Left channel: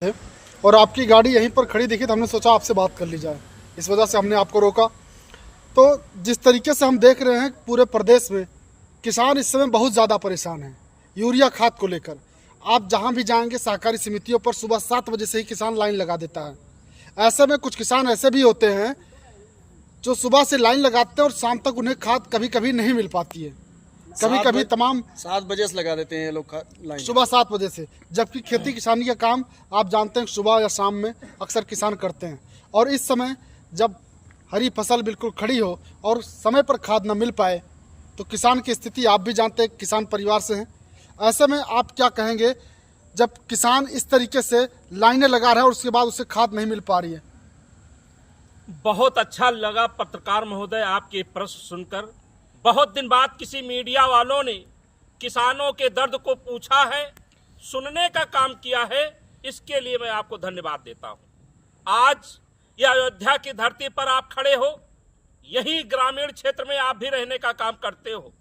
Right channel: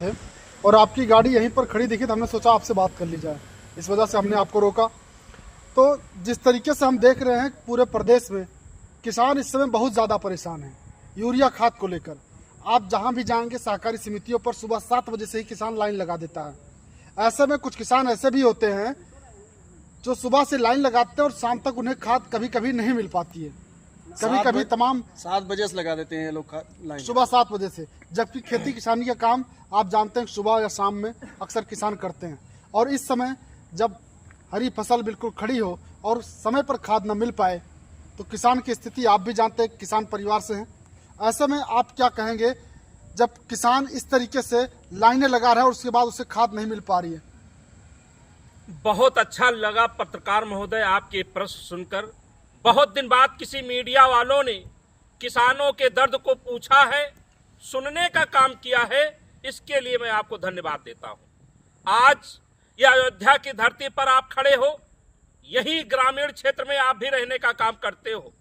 है और आपकी गाड़ी यहीं पर खड़ी दिखी तो हमने सोचा आपसे बात कर ली जाए, इस वजह से हमने आपको रोका। तो जिस तरीके से हम देख रहे हैं पूरे प्रदेश में किसान इस समय बहुत ज़्यादा परेशान हैं यूरिया खाद को लेकर। आप जहां भी जाएंगे सहकारी समितियों पर सुबह 7 बजे से ही किसान लाइन लगा देता है। ऐसे में कुछ किसान ऐसे भी होते हैं जो सुबह से लाइन लगाते हैं और शाम तक उन्हें खाद कभी कभी नहीं मिल पाती है। कभी कभी तमाम 7 बजे से लगा देते हैं लोग लाइन, सुबह 7 बजे से, जबकि खेती किसानी का काम आप जानते हैं सुबह या शाम में अक्सर किसान करते हैं। और इस समय जब हरी फसल बिल्कुल खड़ी हो और समय पर खाद न मिल पाए तो किसान की स्थिति आप भी जानते हैं, किसान परिवार से हैं। ऐसे में आप क्या कहेंगे जब किसान इस तरीके से लाइनें लगा रहा है और उसके बाद उसे खाद नहीं मिल पा रही है? बहुत अच्छा लगा पत्रकार महोदय आपके प्रश्न सुनकर। बहुत दिन बाद किसी मीडिया वालों ने किसानों के दर्द को पूछा है, सुनने का काम किया है, इसके लिए मैं आपको धन्यवाद देता हूं। आज यह अयोध्या की धरती पर आप खड़े हो, यही ग्रामीण क्षेत्र में आप भी रहने का काम करते हो।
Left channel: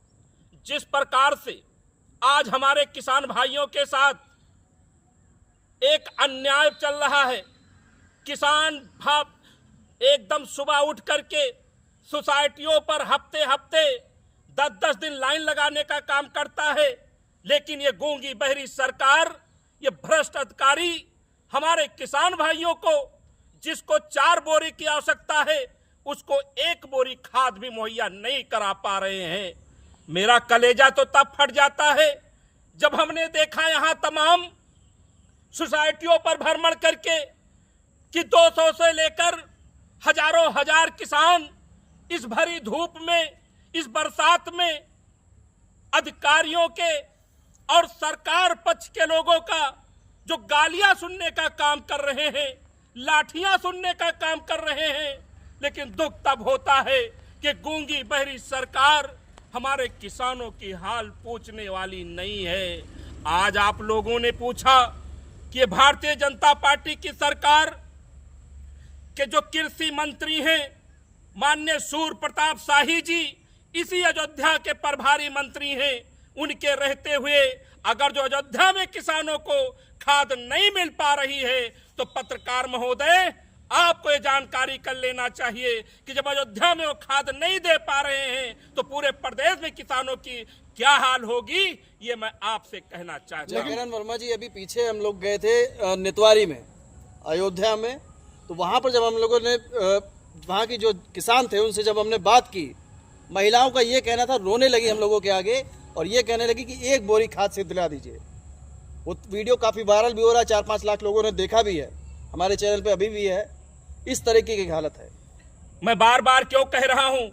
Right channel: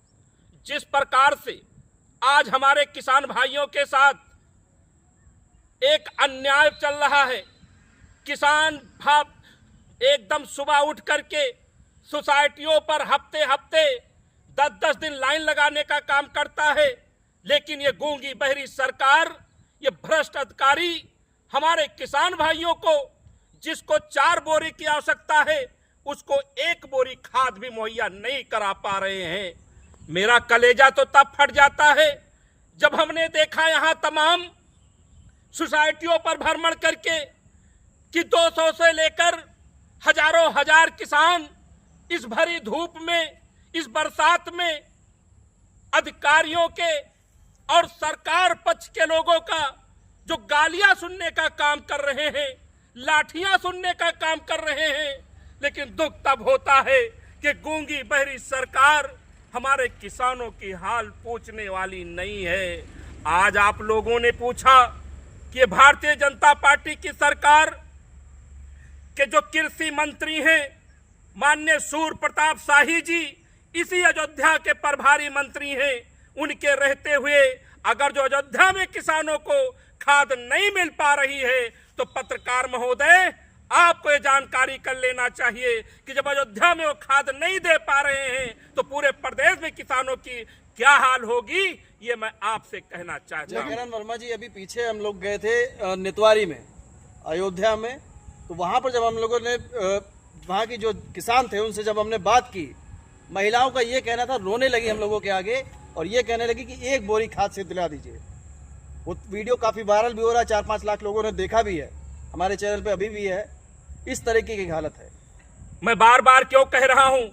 जिस प्रकार से आज हमारे किसान भाइयों के साथ एक अन्याय चल रहा है, किसान भाव एकदम सुबह उठ करके सोसाइटियों पर हफ्ते हफ्ते 10-10 दिन लाइन लगाने का काम करता है, लेकिन ये गूंगी बहरी सरकार, ये भ्रष्ट अधिकारी हमारे किसान भाइयों को, जिसको 4 बोरी की आवश्यकता है, उसको 1 बोरी खाद भी मुहैया नहीं करा पा रहे हैं। मेरा कलेजा तो तब फट जाता है जब हमने देखा यहां तमाम सोसाइटियों पर भ्रमण करके कि 200 से लेकर हजारों हजार किसान इस भरी धूप में, इस बरसात में अधिकारियों के और सरकार पक्ष के लोगों का जो गालियां सुनने का काम कर रहे हैं, लाठियां सुनने का काम कर रहे हैं। लेकिन दुख तब होता है कि गूंगी बहरी सरकार हमारे किसानों की हाल पूछने वाली नहीं है। आज आप लोगों ने पूछा कि भारतीय जनता पार्टी की सरकार के जो कृषि मंत्री हैं माननीय सूर्य प्रताप शाही जी, इसी अयोध्या के प्रभारी मंत्री हैं। उनके रहते हुए अगर जो अयोध्या में किसानों को खाद नहीं मिल पा रही है तो पत्रकार महोदय आपको ये जानकारी कर लेना चाहिए कि जब अयोध्या में वो खाद नहीं दे पा रहे हैं तो पूरे प्रदेश में किसानों की क्या हाल होगी, ये मैं आपसे कहना चाहता हूँ। किरण वर्मा जी, अभी पीछे हम लोग गए थे नितवारी में, अयोध्या में, तो वहां पर जब हम लोगों ने वहां की जो किसान थे उनसे जब हमने बात की, महिलाओं का ये कहना था, रोने लगी हम लोगों के आगे और ये कहने लगी कि 1 बोरी खाद से दिला दीजिए। वो वीडियो काफी वायरल भी हो रहा है, 4-5 लाख लोगों ने देखा भी है, हमारे चैनल पे अभी भी है। इस तरीके की हालत है। मैं बार बार क्यों कह रहा हूं,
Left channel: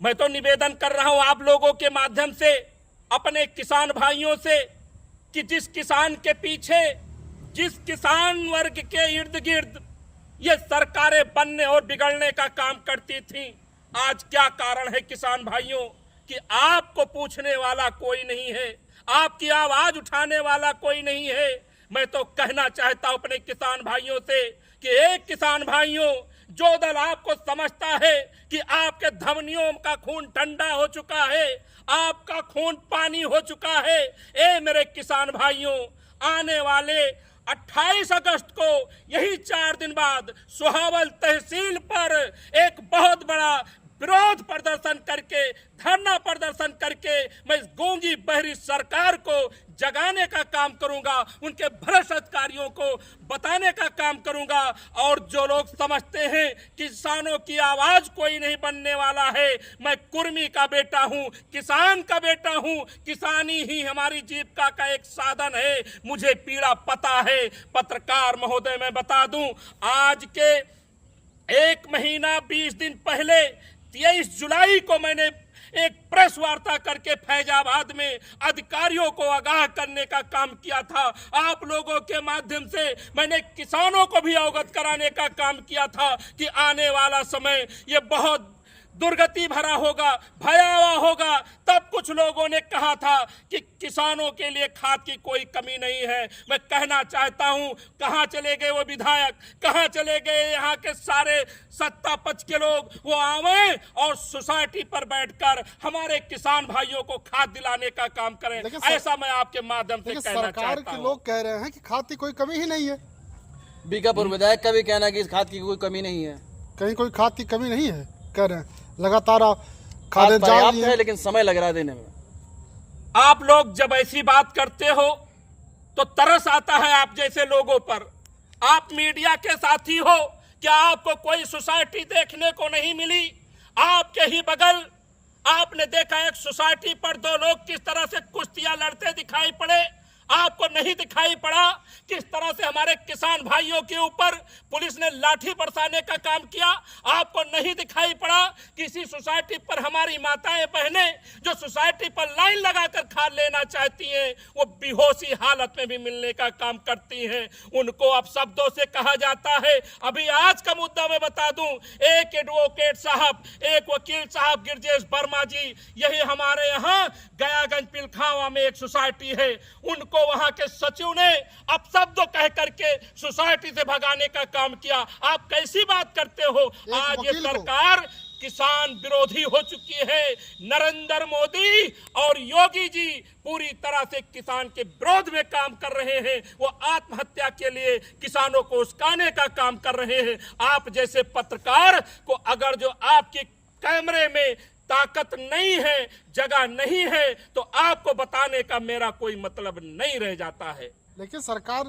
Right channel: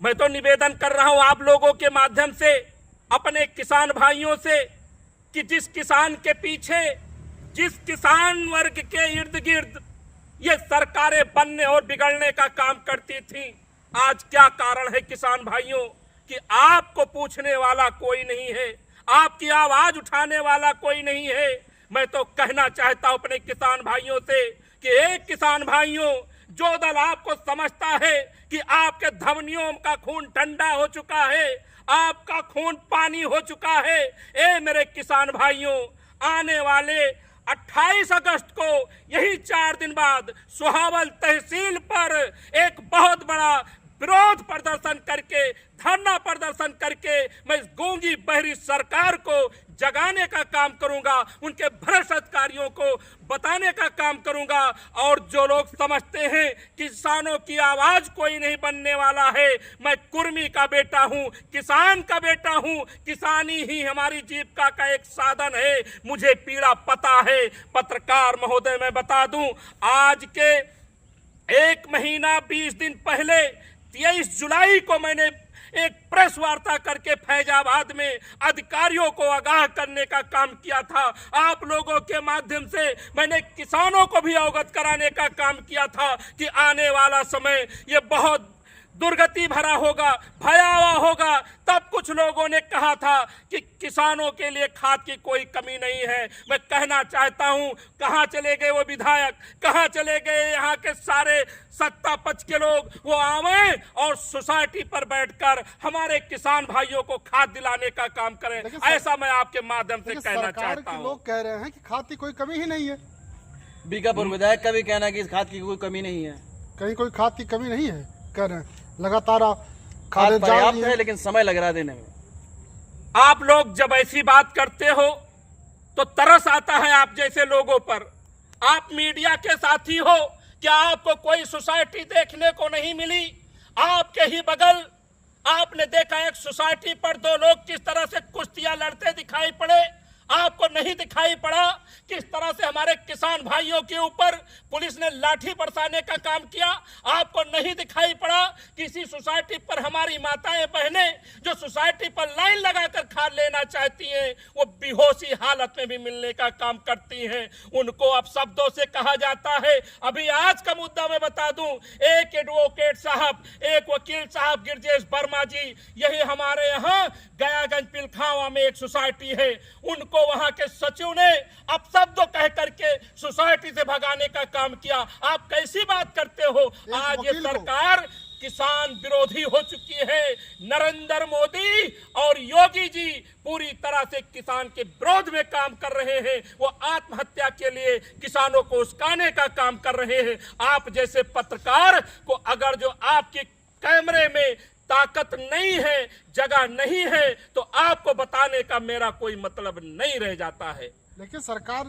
मैं तो निवेदन कर रहा हूं आप लोगों के माध्यम से अपने किसान भाइयों से कि जिस किसान के पीछे, जिस किसान वर्ग के इर्द गिर्द ये सरकारें बनने और बिगड़ने का काम करती थी, आज क्या कारण है किसान भाइयों कि आपको पूछने वाला कोई नहीं है, आपकी आवाज उठाने वाला कोई नहीं है। मैं तो कहना चाहता हूं अपने किसान भाइयों से कि एक किसान भाइयों, जो दल आपको समझता है कि आपके धमनियों का खून ठंडा हो चुका है, आपका खून पानी हो चुका है, मेरे किसान भाइयों, आने वाले 28 अगस्त को यही 4 दिन बाद सुहावल तहसील पर एक बहुत बड़ा विरोध प्रदर्शन करके, धरना प्रदर्शन करके मैं इस गूंगी बहरी सरकार को जगाने का काम करूंगा, उनके भ्रष्ट अधिकारियों को बताने का काम करूंगा। और जो लोग समझते हैं किसानों की आवाज कोई नहीं बनने वाला है, मैं कुर्मी का बेटा हूं, किसान का बेटा हूं, किसानी ही हमारी जीविका का एक साधन है, मुझे पीड़ा पता है। पत्रकार महोदय मैं बता दूं, आज के 1 महीना 20 दिन पहले 23 जुलाई को मैंने एक प्रेस वार्ता करके फैजाबाद में अधिकारियों को आगाह करने का काम किया था। आप लोगों के माध्यम से मैंने किसानों को भी अवगत कराने का काम किया था कि आने वाला समय ये बहुत दुर्गति भरा होगा, भयावह होगा। तब कुछ लोगों ने कहा था कि किसानों के लिए खाद की कोई कमी नहीं है। मैं कहना चाहता हूं, कहां चले गए वो विधायक, कहां चले गए यहाँ के सारे सत्ता पक्ष के लोग? वो आवे और सोसाइटी पर बैठकर हमारे किसान भाइयों को खाद दिलाने का काम करें, ऐसा मैं आपके माध्यम से कहना चाहता हूं। लोग कह रहे हैं कि खाद की कोई कमी ही नहीं है। बीकापुर विधायक का भी कहना है कि इस खाद की कोई कमी नहीं है। कहीं कोई खाद की कमी नहीं है, कह रहे हैं लगातार आप खाद खादें जा पर्याप्त रही है, हैं। लेकिन समय लग रहा है देने में। आप लोग जब ऐसी बात करते हो तो तरस आता है आप जैसे लोगों पर। आप मीडिया के साथी हो, क्या आपको कोई सोसाइटी देखने को नहीं मिली? आपके ही बगल आपने देखा एक सोसाइटी पर दो लोग किस तरह से कुश्तियां लड़ते दिखाई पड़े। आपको नहीं दिखाई पड़ा किस तरह से हमारे किसान भाइयों के ऊपर पुलिस ने लाठी बरसाने का काम किया। आपको नहीं दिखाई पड़ा किसी सोसाइटी पर हमारी माताएं बहनें जो सोसाइटी पर लाइन लगाकर खाद लेना चाहती हैं, वो बेहोशी हालत में भी मिलने का काम करती हैं। उनको अब शब्दों से कहा जाता है। अभी आज का मुद्दा मैं बता दूं, एक एडवोकेट साहब, एक वकील साहब गिरजेश वर्मा जी, यही हमारे यहाँ गयागंज पिलखावा में एक सोसाइटी है, उनको वहां के सचिव ने अपशब्द कह करके सोसाइटी से भगाने का काम किया। आप कैसी बात करते हो? आज ये सरकार किसान विरोधी हो चुकी है। नरेंद्र मोदी और योगी जी पूरी तरह से किसान के विरोध में काम कर रहे हैं। वो आत्महत्या के लिए किसानों को उस्काने का काम कर रहे हैं। आप जैसे पत्रकार को अगर जो आपके कैमरे में ताकत नहीं है, जगह नहीं है, तो आपको बताने का मेरा कोई मतलब नहीं रह जाता है। लेकिन सरकार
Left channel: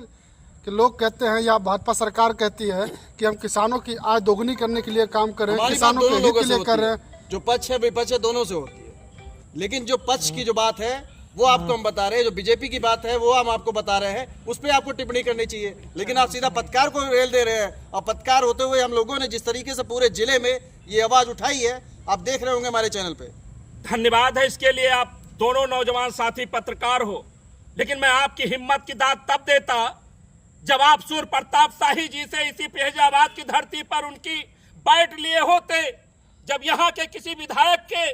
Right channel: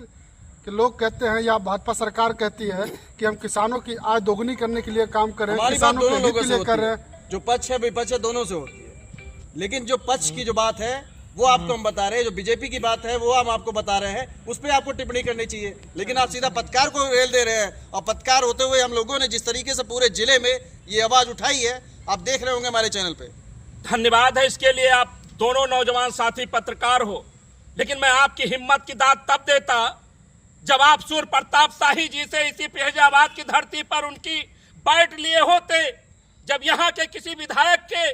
के लोग कहते हैं या भाजपा सरकार कहती है कि हम किसानों की आय दोगुनी करने के लिए काम कर रहे हैं, हमारी बात किसानों के दोनों हित लोगों के से लिए कर होती रहे है, हैं। जो पक्ष है विपक्ष है दोनों से होती है। लेकिन जो पक्ष की जो बात है वो आपको हम बता रहे हैं, जो बीजेपी की बात है वो हम आपको बता रहे हैं, उस पर आपको टिप्पणी करनी चाहिए। लेकिन आप सीधा पत्रकार को रेल दे रहे हैं, और पत्रकार होते हुए हम लोगों ने जिस तरीके से पूरे जिले में ये आवाज उठाई है, आप देख रहे होंगे हमारे चैनल पे। धन्यवाद है इसके लिए, आप दोनों नौजवान साथी पत्रकार हो। लेकिन मैं आपकी हिम्मत की दाद तब देता जब आप सूर्य प्रताप शाही जी से इसी फैजाबाद की धरती पर उनकी बैठ लिए होते, जब यहाँ के किसी विधायक के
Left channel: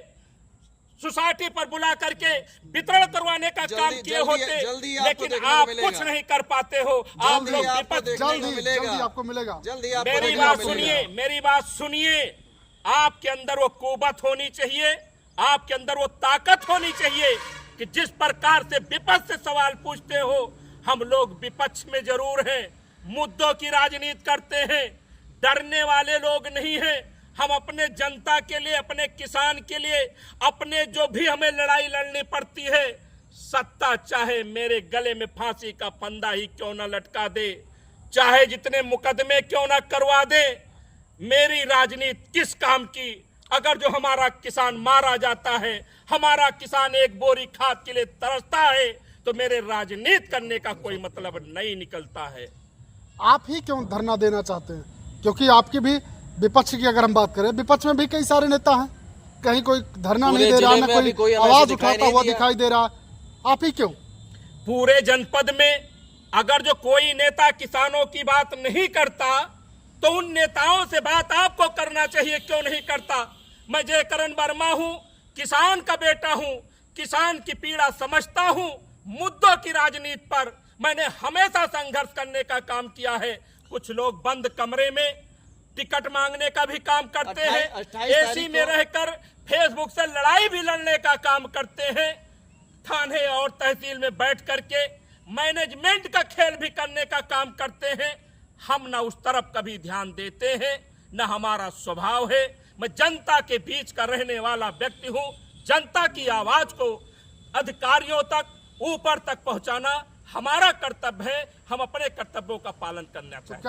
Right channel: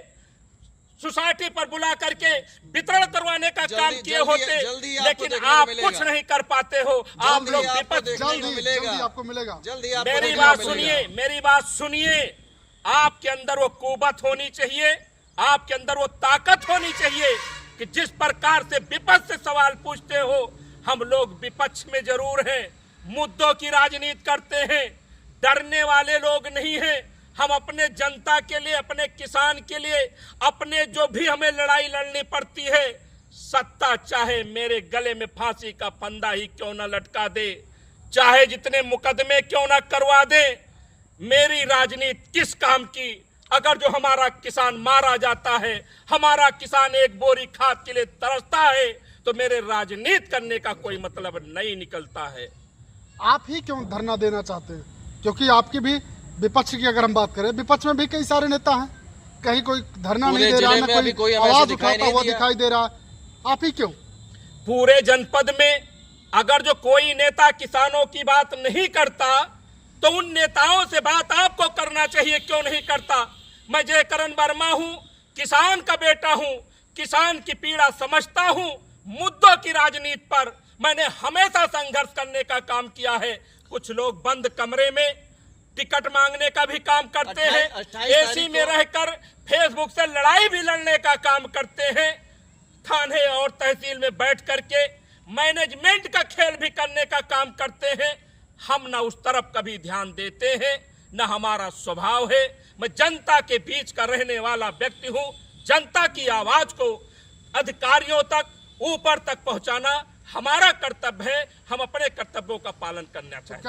सोसाइटी पर बुला करके वितरण करवाने का काम किए होते। लेकिन आप कुछ नहीं कर पाते हो। आप लोग विपक्ष जल्दी आपको मिलेगा। मेरी बात सुनिए, मेरी बात सुनिए। आपके अंदर वो कुवत होनी चाहिए, आपके अंदर वो ताकत होनी चाहिए कि जिस प्रकार से विपक्ष से सवाल पूछते हो। हम लोग विपक्ष में जरूर हैं, मुद्दों की राजनीति करते हैं, डरने वाले लोग नहीं हैं। हम अपने जनता के लिए, अपने किसान के लिए, अपने जो भी हमें लड़ाई लड़नी पड़ती है, सत्ता चाहे मेरे गले में फांसी का फंदा ही क्यों न लटका दे, चाहे जितने मुकदमे क्यों न करवा दे, मेरी राजनीति किस काम की? अगर जो हमारा किसान मारा जाता है, हमारा किसान एक बोरी खाद के लिए तरसता है, तो मेरे राजनीति करने का कोई मतलब नहीं निकलता है। आप ही क्यों धरना देना चाहते हैं? क्योंकि आपकी भी विपक्ष की अगर हम बात करें, विपक्ष में भी कई सारे नेता हैं, कहीं कोई धरना नहीं दे रहा, ना कोई आवाज उठाता हुआ दिखाई दे रहा। आप ही क्यों? पूरे जनपद में अगर जो कोई नेता किसानों की बात नहीं करता, तो उन नेताओं से बात आपको करना चाहिए, क्यों नहीं करता? मैं जयकरण वर्मा हूं, किसान का बेटा हूं, किसान की पीड़ा समझता हूं। मुद्दों की राजनीति पर मैंने हमेशा संघर्ष करने का काम किया है। कुछ लोग बंद कमरे में टिकट मांगने का भी काम करते हैं, एसी में रहकर फेसबुक से लड़ाई भी लड़ने का काम करते हैं, थाने और तहसील में बैठ करके मैनेजमेंट का खेल भी करने का काम करते हैं। हम न उस तरफ कभी ध्यान देते हैं, न हमारा स्वभाव है। मैं जनता के बीच का रहने वाला व्यक्ति हूं। जनता की आवाज को अधिकारियों तक, ऊपर तक पहुंचाना हमारा कर्तव्य है। हम अपने कर्तव्यों का पालन करना चाहिए।